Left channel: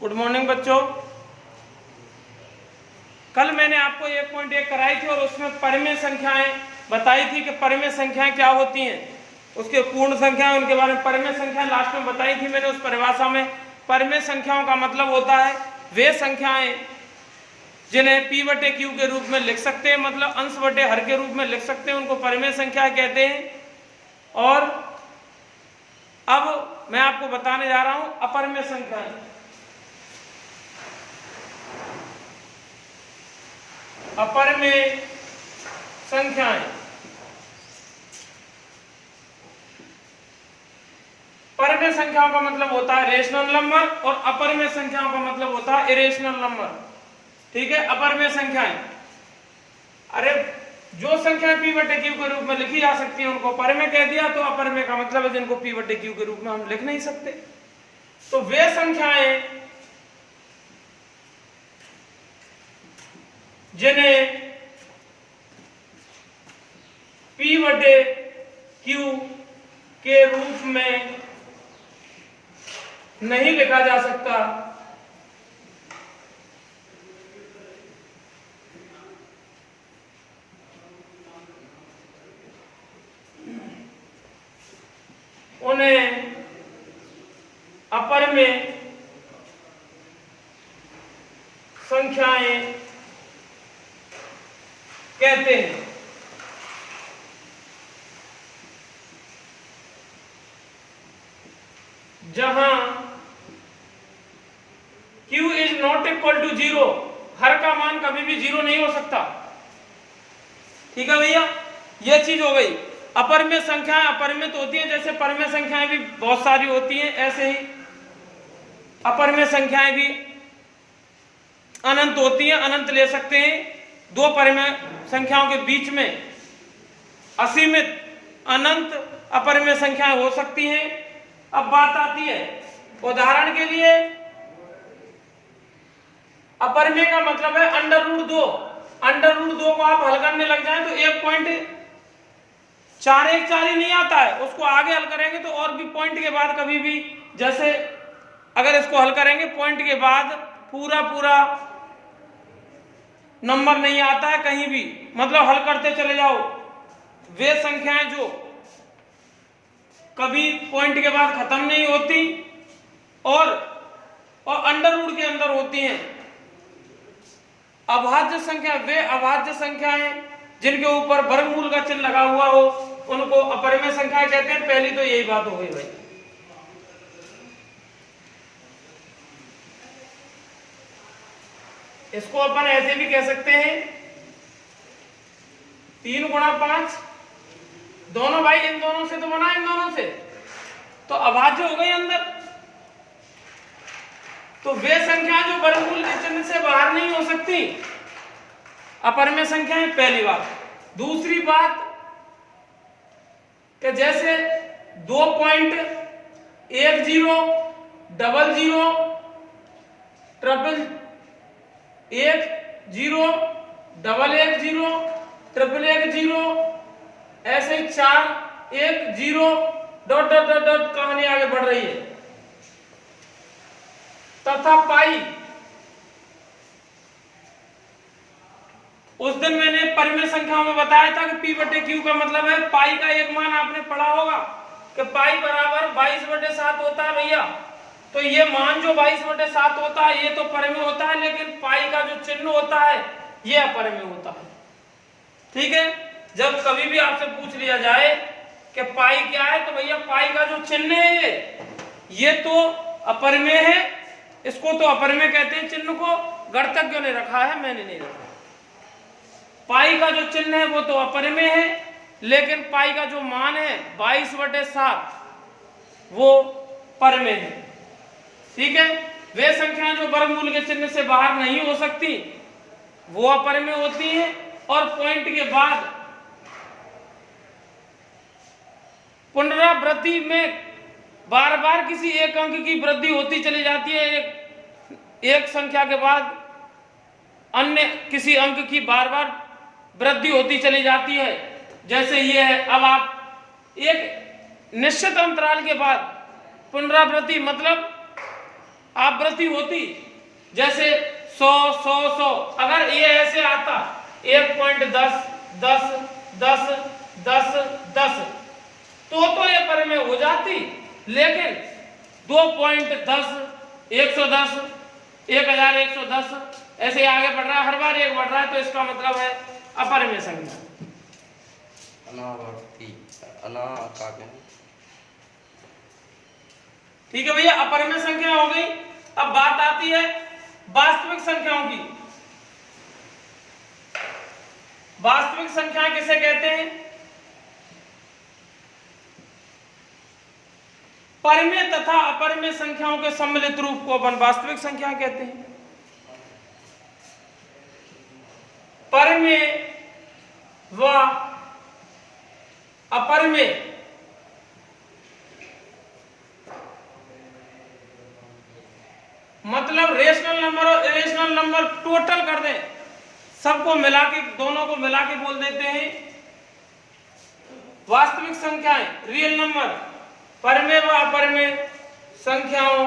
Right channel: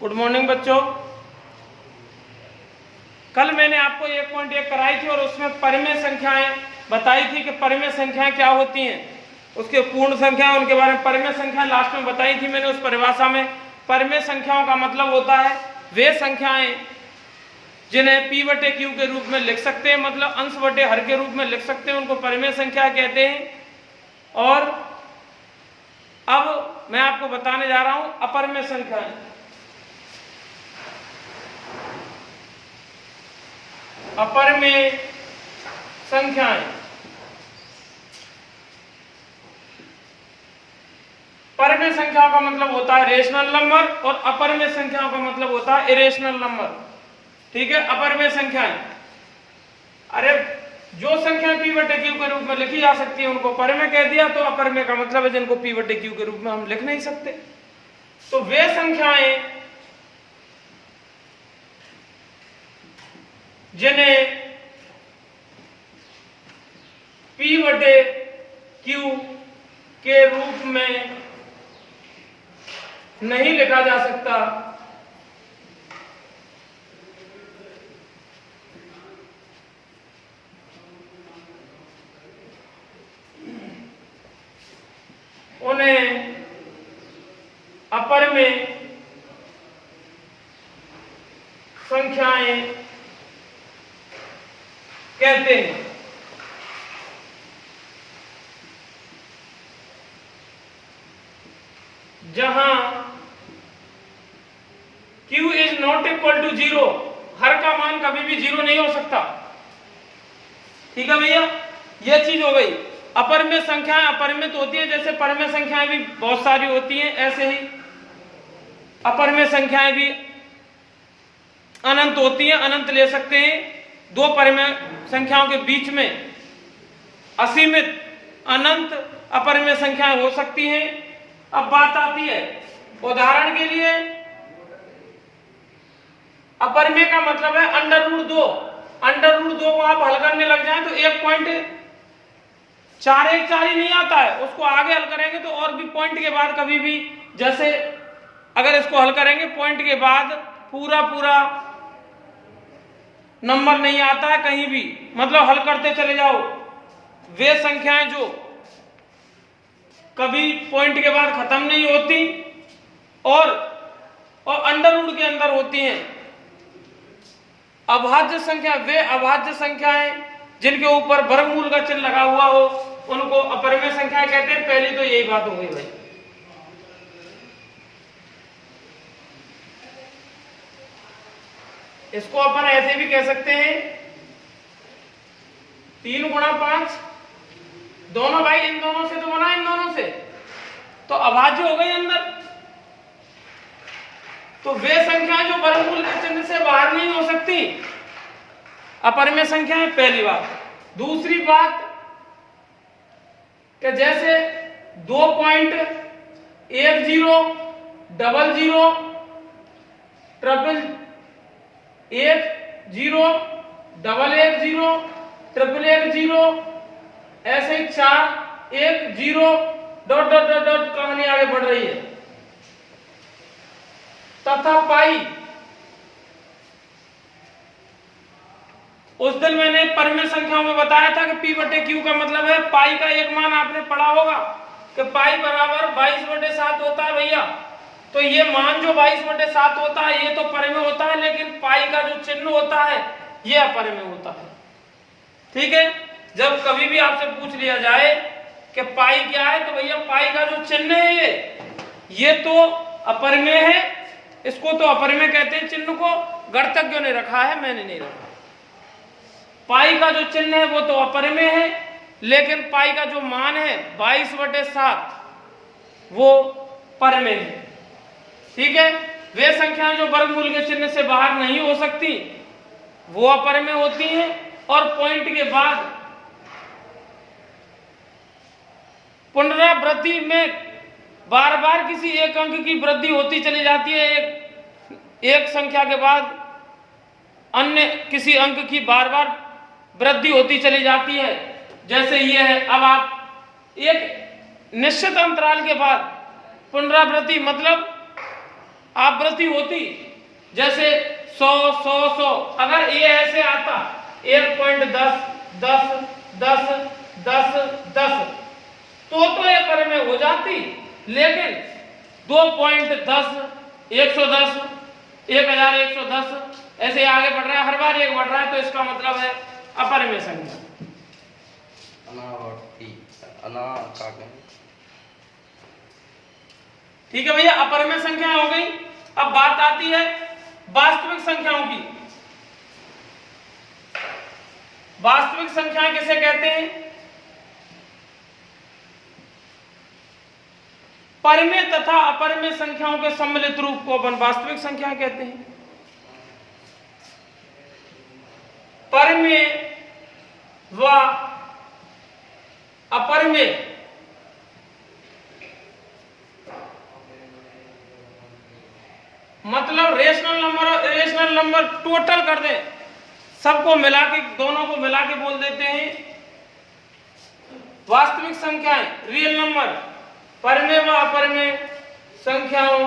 Good morning बच्चों। कल मैंने आपको 1.1 कराई थी और उसमें परिमेय संख्याएं बताई थी कि परिमेय संख्याएं क्या होती हैं, उसके पूर्ण संख्याएं, उनके बारे में परिमेय संख्याएं लास्ट में बताई थी मैंने उस परिभाषा में। परिमेय संख्याओं का मतलब होता है वे संख्याएं जिन्हें p बटे q के रूप में लिख सकते हैं, मतलब अंश बटे हर के रूप में लिख सकते हैं, उनको परिमेय संख्या कहते हैं। और अब मैं आपको बताने जा रहा हूं अपरिमेय संख्याएं। अपरिमेय संख्याएं, परिमेय संख्याओं का मतलब होता है रेशनल नंबर और अपरिमेय संख्याओं का मतलब होता है इरेशनल नंबर। ठीक है, अपरिमेय संख्याएं, अरे जो संख्याएं p बटे q के रूप में लिखी जा सकती है उनको परिमेय कह दिया, तो अपरिमेय का मतलब है जिनको p बटे q के रूप में हम लिख नहीं सकते। तो वे संख्याएं जिन्हें p बटे q के रूप में नहीं लिखा जा सकता, उन्हें अपरिमेय संख्याएं कहते हैं। जहां q is not equal to 0, हर का मान कभी भी 0 नहीं हो सकता। ठीक है भैया, ये चीज हो गई। अपरिमेय संख्याएं अपरिमित होती है, जैसे परिमेय संख्याएं भी बहुत सारी होती हैं, ऐसे ही अपरिमेय संख्याएं भी अनंत होती हैं, अनंत ले सकते हैं। दो परिमेय संख्याओं के बीच में असीमित अनंत अपरिमेय संख्याएं हो सकती हैं। अब बात आती है, उदाहरण के लिए अपरिमेय का मतलब है √2। √2 को आप हल करने लग जाएं तो 1.414 ही नहीं आता है, उसको आगे हल करेंगे तो और भी पॉइंट के बाद कभी भी, जैसे अगर इसको हल करेंगे पॉइंट के बाद पूरा नंबर नहीं आता है कहीं भी, मतलब हल करते चले जाओ। वे संख्याएं जो कभी पॉइंट के बाद खत्म नहीं होती और √ के अंदर होती हैं। अभाज्य संख्या, वे अभाज्य संख्याएं जिनके ऊपर वर्गमूल का चिन्ह लगा हुआ हो उनको अपरिमेय संख्याएं कहते हैं। पहली तो यही बात हो गई भाई। इसको अपन ऐसे भी कह सकते हैं 3 गुणा 5, दोनों भाई इन दोनों से तो बना, इन दोनों से तो अभाज्य हो गई अंदर। तो वे संख्या जो वर्गमूल के चिन्ह से बाहर नहीं हो सकती, अपरिमेय संख्या है, पहली बात। दूसरी बात कि जैसे 2.10, 00, 00, 110, 110, ऐसे ही 4, 1, 0, ... कहानी आगे बढ़ रही है। तथा पाई, उस दिन मैंने परिमेय संख्याओं में बताया था कि p बटे q का मतलब है पाई का एक मान आपने पढ़ा होगा कि पाई बराबर 22/7 होता है भैया। तो ये मान जो 22/7 होता है ये तो परिमेय होता है, लेकिन पाई का जो चिन्ह होता है ये अपरिमेय होता है। ठीक है, जब कभी भी आपसे पूछ लिया जाए कि पाई क्या है तो भैया पाई का जो चिन्ह है ये तो अपरिमेय है, इसको तो अपरिमेय कहते हैं। चिन्ह को गणतज्ञों ने रखा है, मैंने नहीं रखा। पाई का जो चिन्ह है वो तो अपरिमेय है, लेकिन पाई का जो मान है 22/7 वो परिमेय है। ठीक है, वे संख्याएं जो वर्गमूल के चिन्ह से बाहर नहीं हो सकती वो अपरिमेय होती हैं। और पॉइंट के बाद पुनरावृत्ति में बार बार किसी एक अंक की वृद्धि होती चली जाती है, एक संख्या के बाद अन्य किसी अंक की बार बार वृद्धि होती चली जाती है। जैसे ये है, अब आप एक निश्चित अंतराल के बाद पुनरावृत्ति, मतलब आवृत्ति होती, जैसे 100 100 100, अगर ये ऐसे आता 1.10 10 10 10 10 तो ये परिमेय हो जाती, लेकिन 2.10 110 1110 ऐसे आगे बढ़ रहा है, हर बार एक बढ़ रहा है, तो इसका मतलब है अपरिमेय संख्या। ठीक है भैया, अपरिमेय संख्या हो गई। अब बात आती है वास्तविक संख्याओं की। वास्तविक संख्याएं किसे कहते हैं? परिमेय तथा अपरिमेय संख्याओं के सम्मिलित रूप को अपन वास्तविक संख्याएं कहते हैं। परिमेय व अपरिमेय मतलब रेशनल नंबर और इरेशनल नंबर टोटल कर दे, सबको मिला के, दोनों को मिला के बोल देते हैं वास्तविक संख्याएं, रियल नंबर। परिमेय व अपरिमेय संख्याओं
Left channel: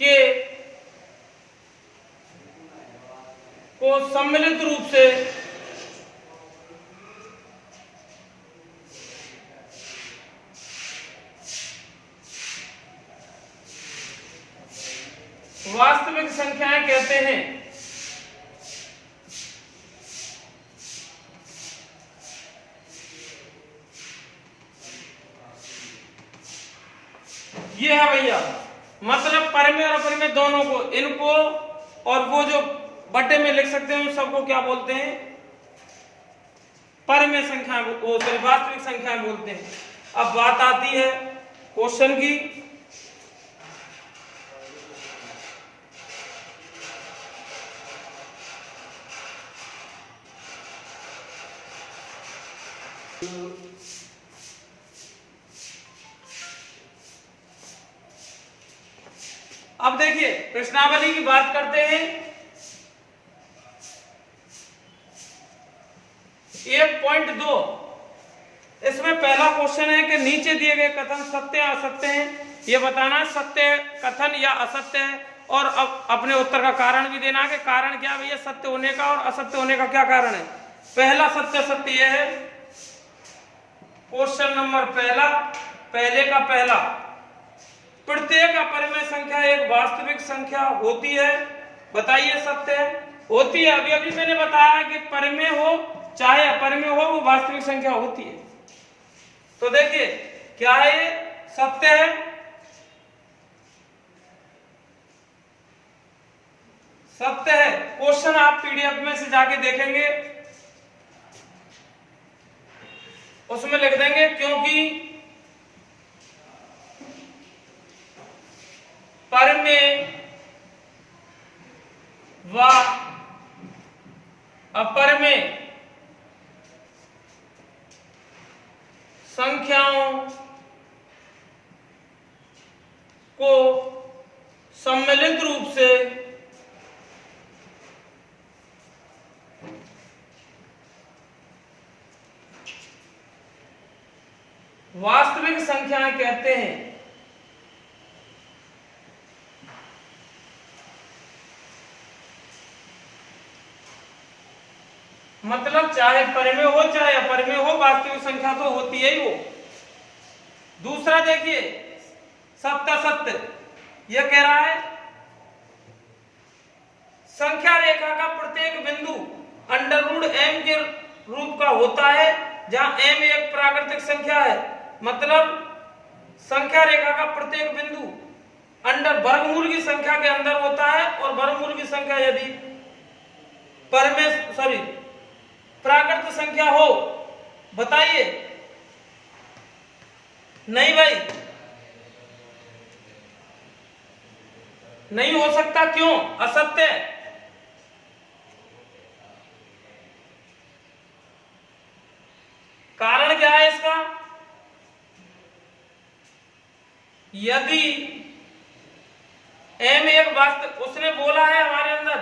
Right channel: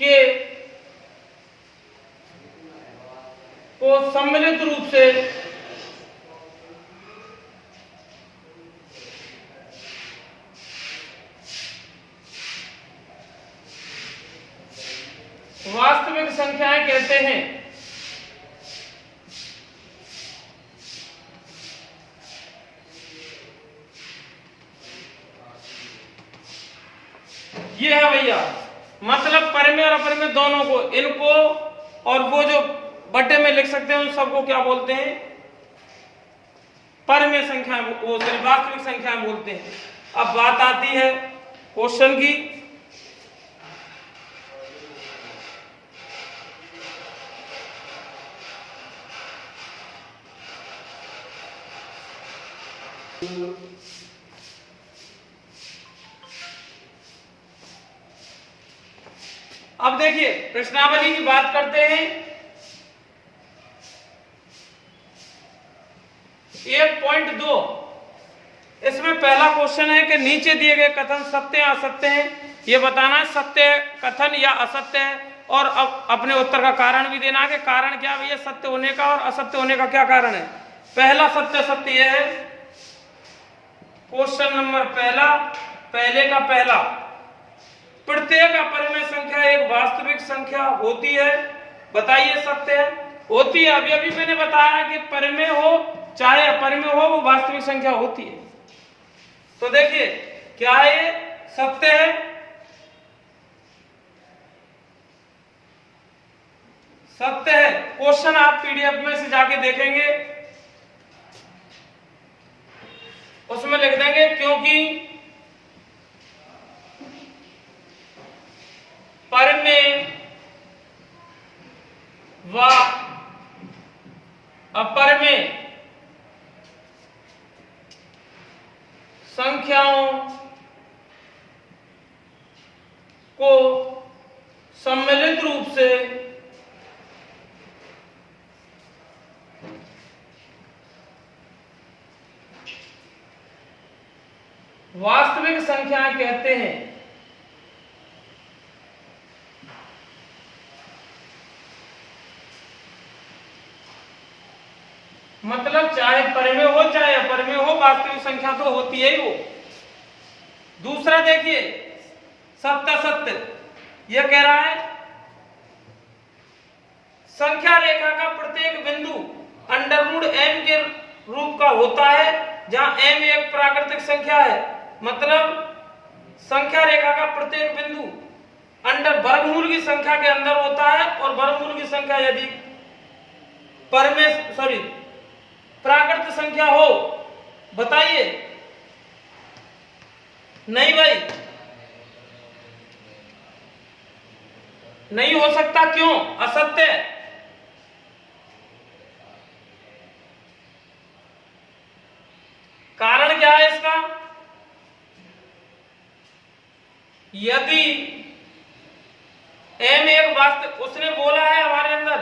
के को सम्मिलित रूप से वास्तविक संख्याएं कहते हैं। ये है भैया, मतलब परिमेय और अपरिमेय दोनों को, इनको और वो जो बटे में लिख सकते हैं उन सबको क्या बोलते हैं? परिमेय संख्याएं, वो सॉरी वास्तविक संख्याएं बोलते हैं। अब बात आती है क्वेश्चन की। अब देखिए प्रश्नावली की बात करते हैं। 1.2 इसमें पहला क्वेश्चन है कि नीचे दिए गए कथन सत्य या असत्य हैं, ये बताना है सत्य कथन या असत्य है, और अब अपने उत्तर का कारण भी देना है कि कारण क्या भैया सत्य होने का और असत्य होने का क्या कारण है। पहला सत्य सत्य यह है, क्वेश्चन नंबर पहला, पहले का पहला, प्रत्येक अपरिमेय संख्या एक वास्तविक संख्या होती है। बताइए सत्य है? होती है। अभी अभी मैंने बताया कि परिमेय हो चाहे अपरिमेय हो वो वास्तविक संख्या होती है। तो देखिए क्या ये सत्य है? सत्य है। क्वेश्चन आप पीडीएफ में से जाके देखेंगे, उसमें लिख देंगे क्योंकि परिमेय व अपरिमेय संख्याओं को सम्मिलित रूप से वास्तविक संख्याएं कहते हैं। मतलब चाहे परिमेय हो चाहे अपरिमेय हो, वास्तविक संख्या तो होती है ही वो। दूसरा देखिए सत्य सत्य, यह कह रहा है संख्या रेखा का प्रत्येक बिंदु √m के रूप का होता है, जहां m एक प्राकृतिक संख्या है। मतलब संख्या रेखा का प्रत्येक बिंदु वर्गमूल की संख्या के अंदर होता है, और वर्गमूल की संख्या यदि प्राकृत संख्या हो। बताइए नहीं भाई, नहीं हो सकता। क्यों? असत्य। कारण क्या है इसका? यदि m एक वास्तविक, उसने बोला है हमारे अंदर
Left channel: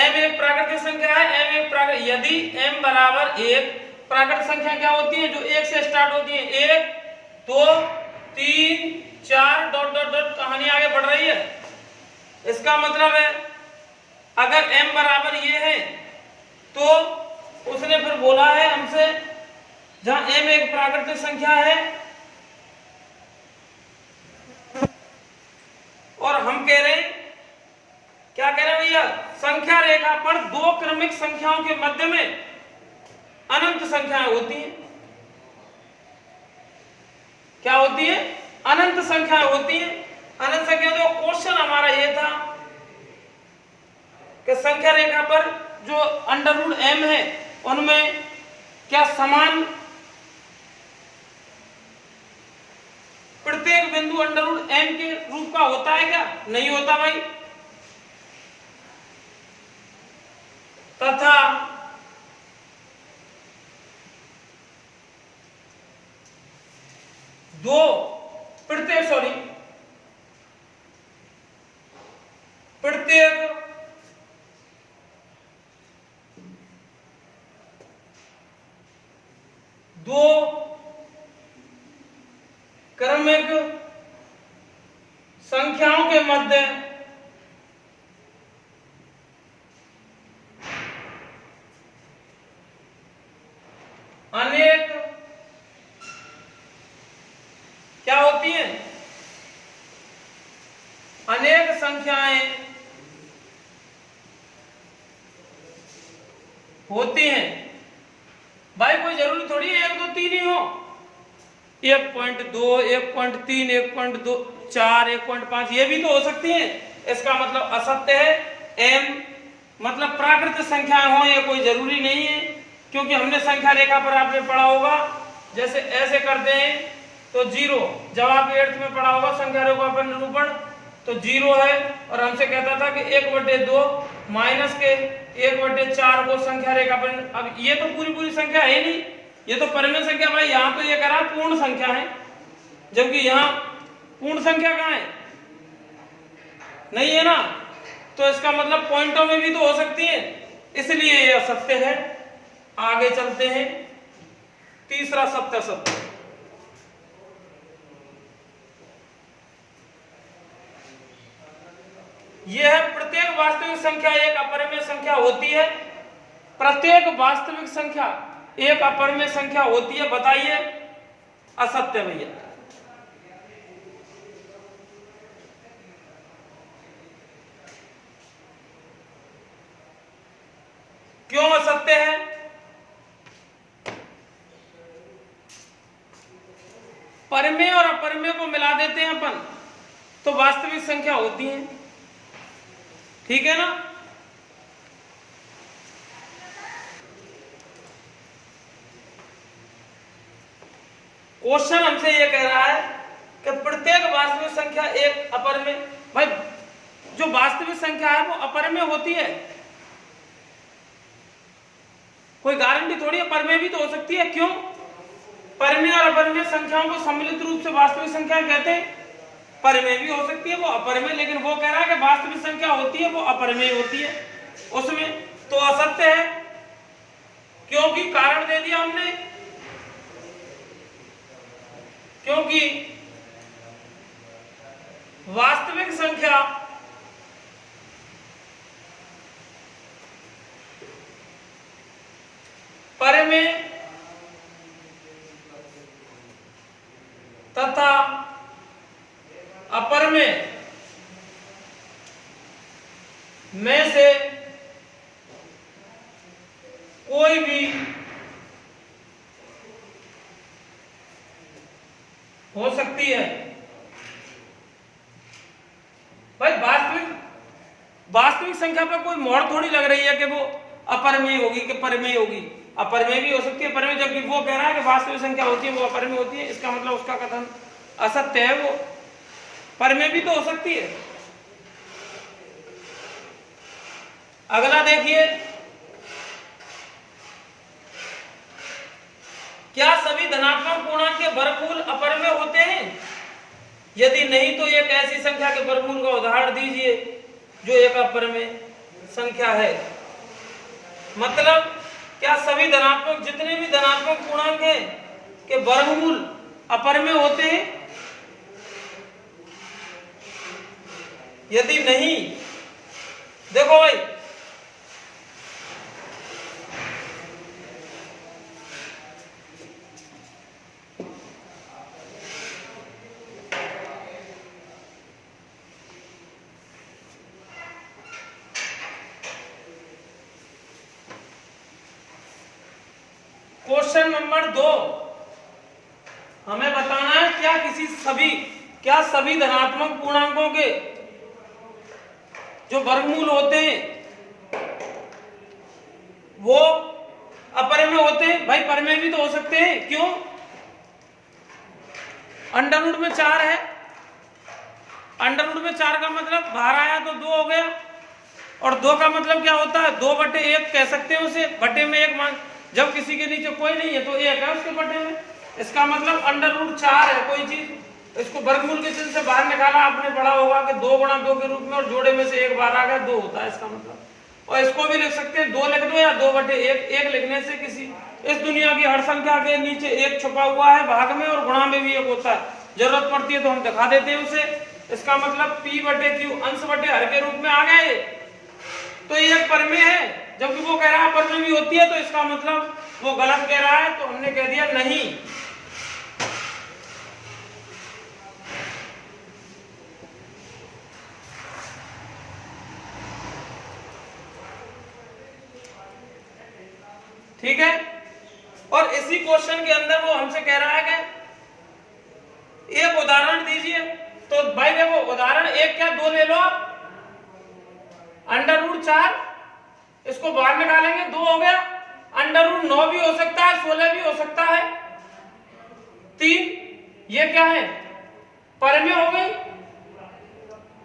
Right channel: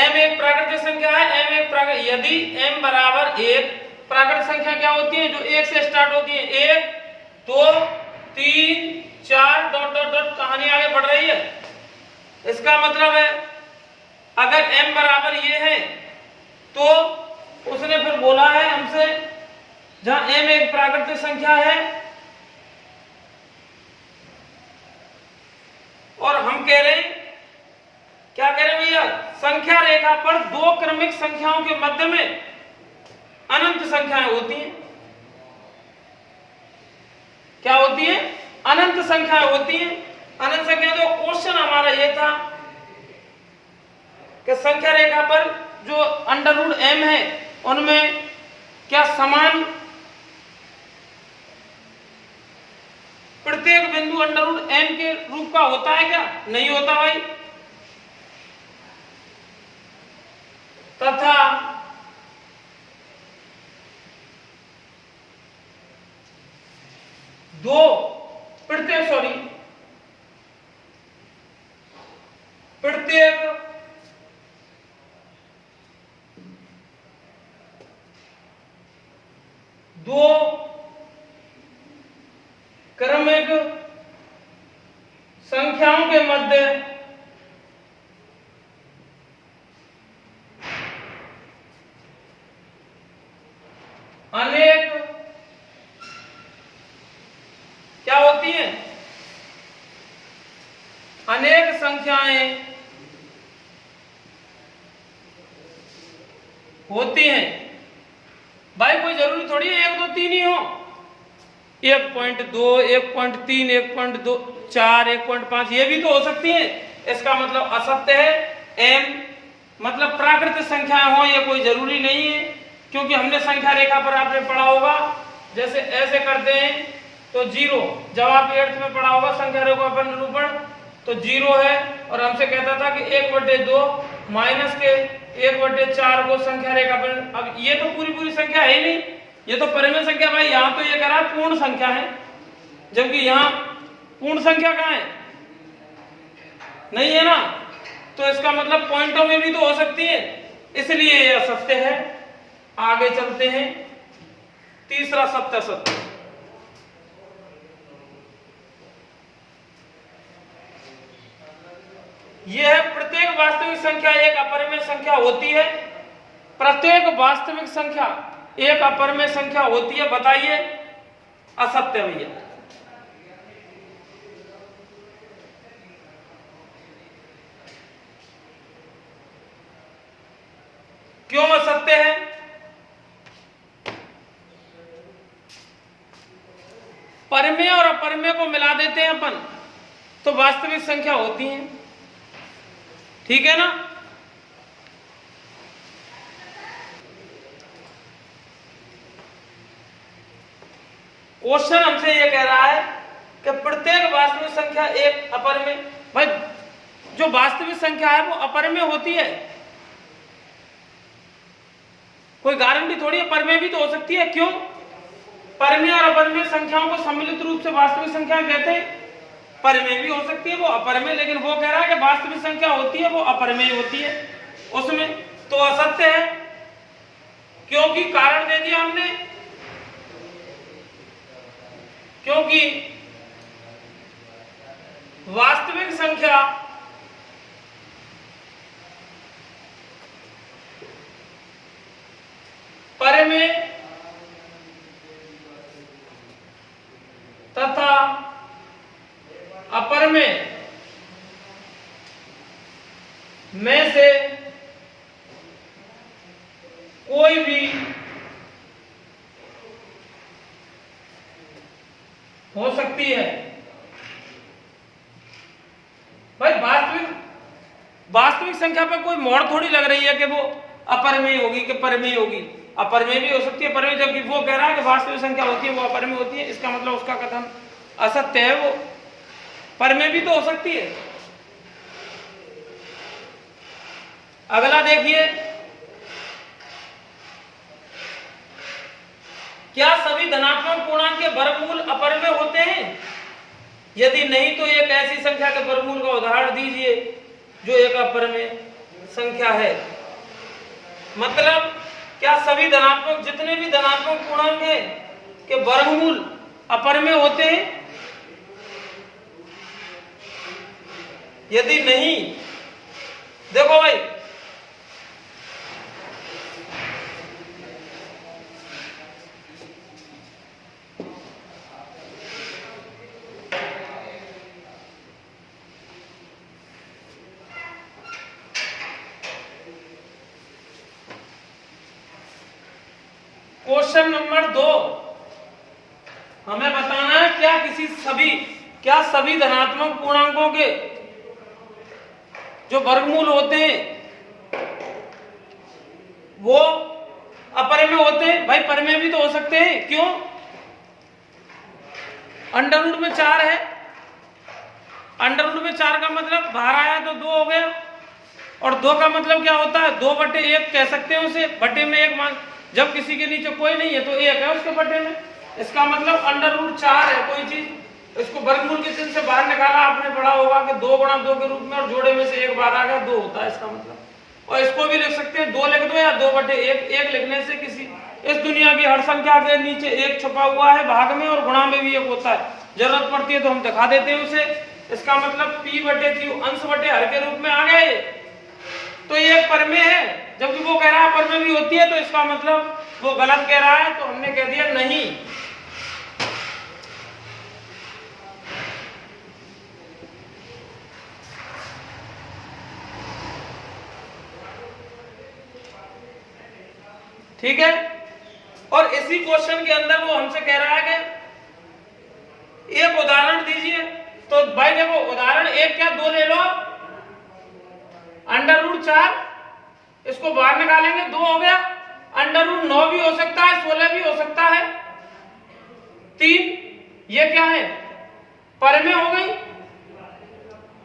m एक प्राकृतिक संख्या है, m एक प्राकृतिक, यदि m बराबर 1, प्राकृतिक संख्या क्या होती है जो 1 से स्टार्ट होती है? 1 2 3 4 डॉट डॉट डॉट कहानी आगे बढ़ रही है। इसका मतलब है अगर m बराबर ये है तो उसने फिर बोला है हमसे, जहां m एक प्राकृतिक संख्या है और हम कह रहे हैं, क्या कह रहे हैं भैया, संख्या रेखा पर दो क्रमिक संख्याओं के मध्य में अनंत संख्याएं होती हैं। क्या होती है? अनंत संख्याएं होती हैं। अनंत संख्या, तो क्वेश्चन हमारा ये था कि संख्या रेखा पर जो अंडर रूट m है उनमें क्या समान प्रत्येक बिंदु अंडर रूट m के रूप का होता है क्या? नहीं होता भाई। तथा प्रत्येक दो क्रमिक संख्याओं के मध्य अनेक क्या होती हैं? अनेक संख्याएं होती हैं। भाई कोई जरूरी थोड़ी है 1 2 3 ही हो। 1.2 1.3 1.4 1.5 ये भी तो हो सकती है। इसका मतलब असत्य है। m मतलब प्राकृतिक संख्याएं हो, ये कोई जरूरी नहीं है, क्योंकि हमने संख्या रेखा पर आपने पढ़ा होगा, जैसे ऐसे करते हैं तो 0, जब आप 8th में पढ़ा होगा संख्या रेखा पर निरूपण, तो 0 है और हमसे कहता था कि 1/2 माइनस के 1/4 को संख्या रेखा पर। अब ये तो पूरी संख्या है नहीं, ये तो परिमेय संख्या। भाई यहाँ तो ये कह रहा पूर्ण संख्या है, जबकि यहाँ पूर्ण संख्या कहाँ है? नहीं है ना। तो इसका मतलब पॉइंटों में भी तो हो सकती है, इसलिए ये असत्य है। आगे चलते हैं, तीसरा सत्य असत्य। यह है प्रत्येक वास्तविक संख्या एक अपरिमेय संख्या होती है। प्रत्येक वास्तविक संख्या एक अपरिमेय संख्या होती है। बताइए असत्य भैया। क्यों असत्य है? परिमेय और अपरिमेय को मिला देते हैं अपन तो वास्तविक संख्या होती है, ठीक है ना। क्वेश्चन हमसे ये कह रहा है कि प्रत्येक वास्तविक संख्या एक अपरिमेय। भाई जो वास्तविक संख्या है वो अपरिमेय होती है, कोई गारंटी थोड़ी है। परिमेय भी तो हो सकती है। क्यों? परिमेय और अपरिमेय संख्याओं को सम्मिलित रूप से वास्तविक संख्या कहते हैं। परिमेय भी हो सकती है, वो अपरिमेय, लेकिन वो कह रहा है कि वास्तविक संख्या होती है वो अपरिमेय होती है उसमें, तो असत्य है। क्योंकि कारण दे दिया हमने, क्योंकि वास्तविक संख्या परिमेय तथा अपरिमेय में से कोई भी हो सकती है। भाई वास्तविक संख्या पर कोई मोड़ थोड़ी लग रही है कि वो अपरिमेय होगी कि परिमेय होगी। अपरिमेय भी हो सकती है, परिमेय, जबकि वो कह रहा है कि वास्तविक संख्या होती है वो अपरिमेय होती है। इसका मतलब उसका कथन असत्य है। वो परिमेय भी तो हो सकती है। अगला देखिए, क्या सभी धनात्मक पूर्णांक के वर्गमूल अपरिमेय होते हैं? यदि नहीं तो एक ऐसी संख्या के वर्गमूल का उदाहरण दीजिए जो एक अपरिमेय संख्या है। मतलब क्या सभी धनात्मक, जितने भी धनात्मक पूर्णांक हैं के वर्गमूल अपरिमेय होते हैं? यदि नहीं, देखो भाई क्वेश्चन नंबर 2, हमें बताना है क्या सभी धनात्मक पूर्णांकों के जो वर्गमूल होते हैं वो अपरिमेय होते हैं। भाई परिमेय भी तो हो सकते हैं, क्यों? अंडर रूट में 4 है, अंडर रूट में 4 का मतलब बाहर आया तो 2 हो गया, और 2 का मतलब क्या होता है? 2/1 कह सकते हैं उसे, बटे में 1 मान, जब किसी के नीचे कोई नहीं है तो 1 है उसके बटे में। इसका मतलब अंडर रूट 4 है कोई चीज, इसको वर्गमूल के चिन्ह से बाहर निकाला, आपने पढ़ा होगा कि 2 गुणा 2 के रूप में, और जोड़े में से 1 बाहर आ गया, 2 होता है इसका मतलब। और इसको भी लिख सकते हैं 2 लिख दो या 2/1, 1 लिखने से किसी इस दुनिया की हर संख्या के नीचे 1 छुपा हुआ है भाग में, और गुणा में भी 1 होता है, जरूरत पड़ती है तो हम दिखा देते हैं उसे। इसका मतलब P/Q अंश बटे हर के रूप में आ गए, तो ये एक परिमेय है, जबकि वो कह रहा है परिमेय भी होती है, तो इसका मतलब वो गलत कह रहा है, तो हमने कह दिया नहीं। ठीक है, और इसी क्वेश्चन के अंदर वो हमसे कह रहा है कि एक उदाहरण दीजिए। तो भाई देखो उदाहरण 1 क्या 2 ले लो आप, अंडर रूट 4, इसको बाहर निकालेंगे 2 हो गया, अंडर रूट 9 भी हो सकता है, 16 भी हो सकता है, 3, ये क्या है? परिमेय हो गई,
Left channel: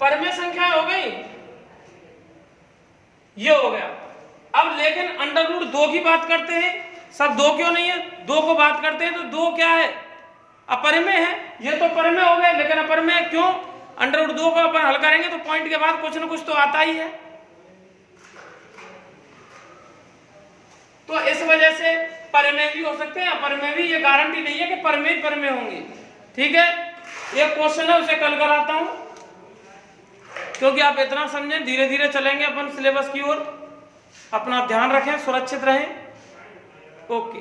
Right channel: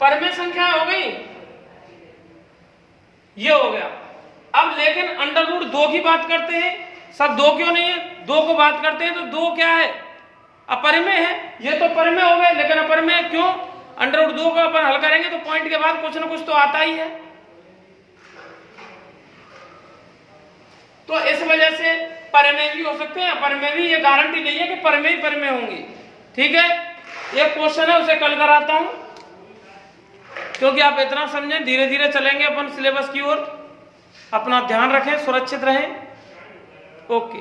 परिमेय संख्या हो गई, ये हो गया। अब लेकिन अंडर रूट 2 की बात करते हैं, सब 2 क्यों नहीं है? 2 को बात करते हैं तो 2 क्या है? अपरिमेय है, ये तो परिमेय हो गए, लेकिन अपरिमेय क्यों? अंडर रूट 2 को अपन हल करेंगे तो पॉइंट के बाद कुछ ना कुछ तो आता ही है, तो इस वजह से परिमेय भी हो सकते हैं, अपरिमेय भी, ये गारंटी नहीं है कि परिमेय परिमेय होंगी। ठीक है, ये क्वेश्चन है उसे कल कराता हूं, क्योंकि आप इतना समझें, धीरे धीरे चलेंगे अपन सिलेबस की ओर। अपना ध्यान रखें, सुरक्षित रहें। ओके।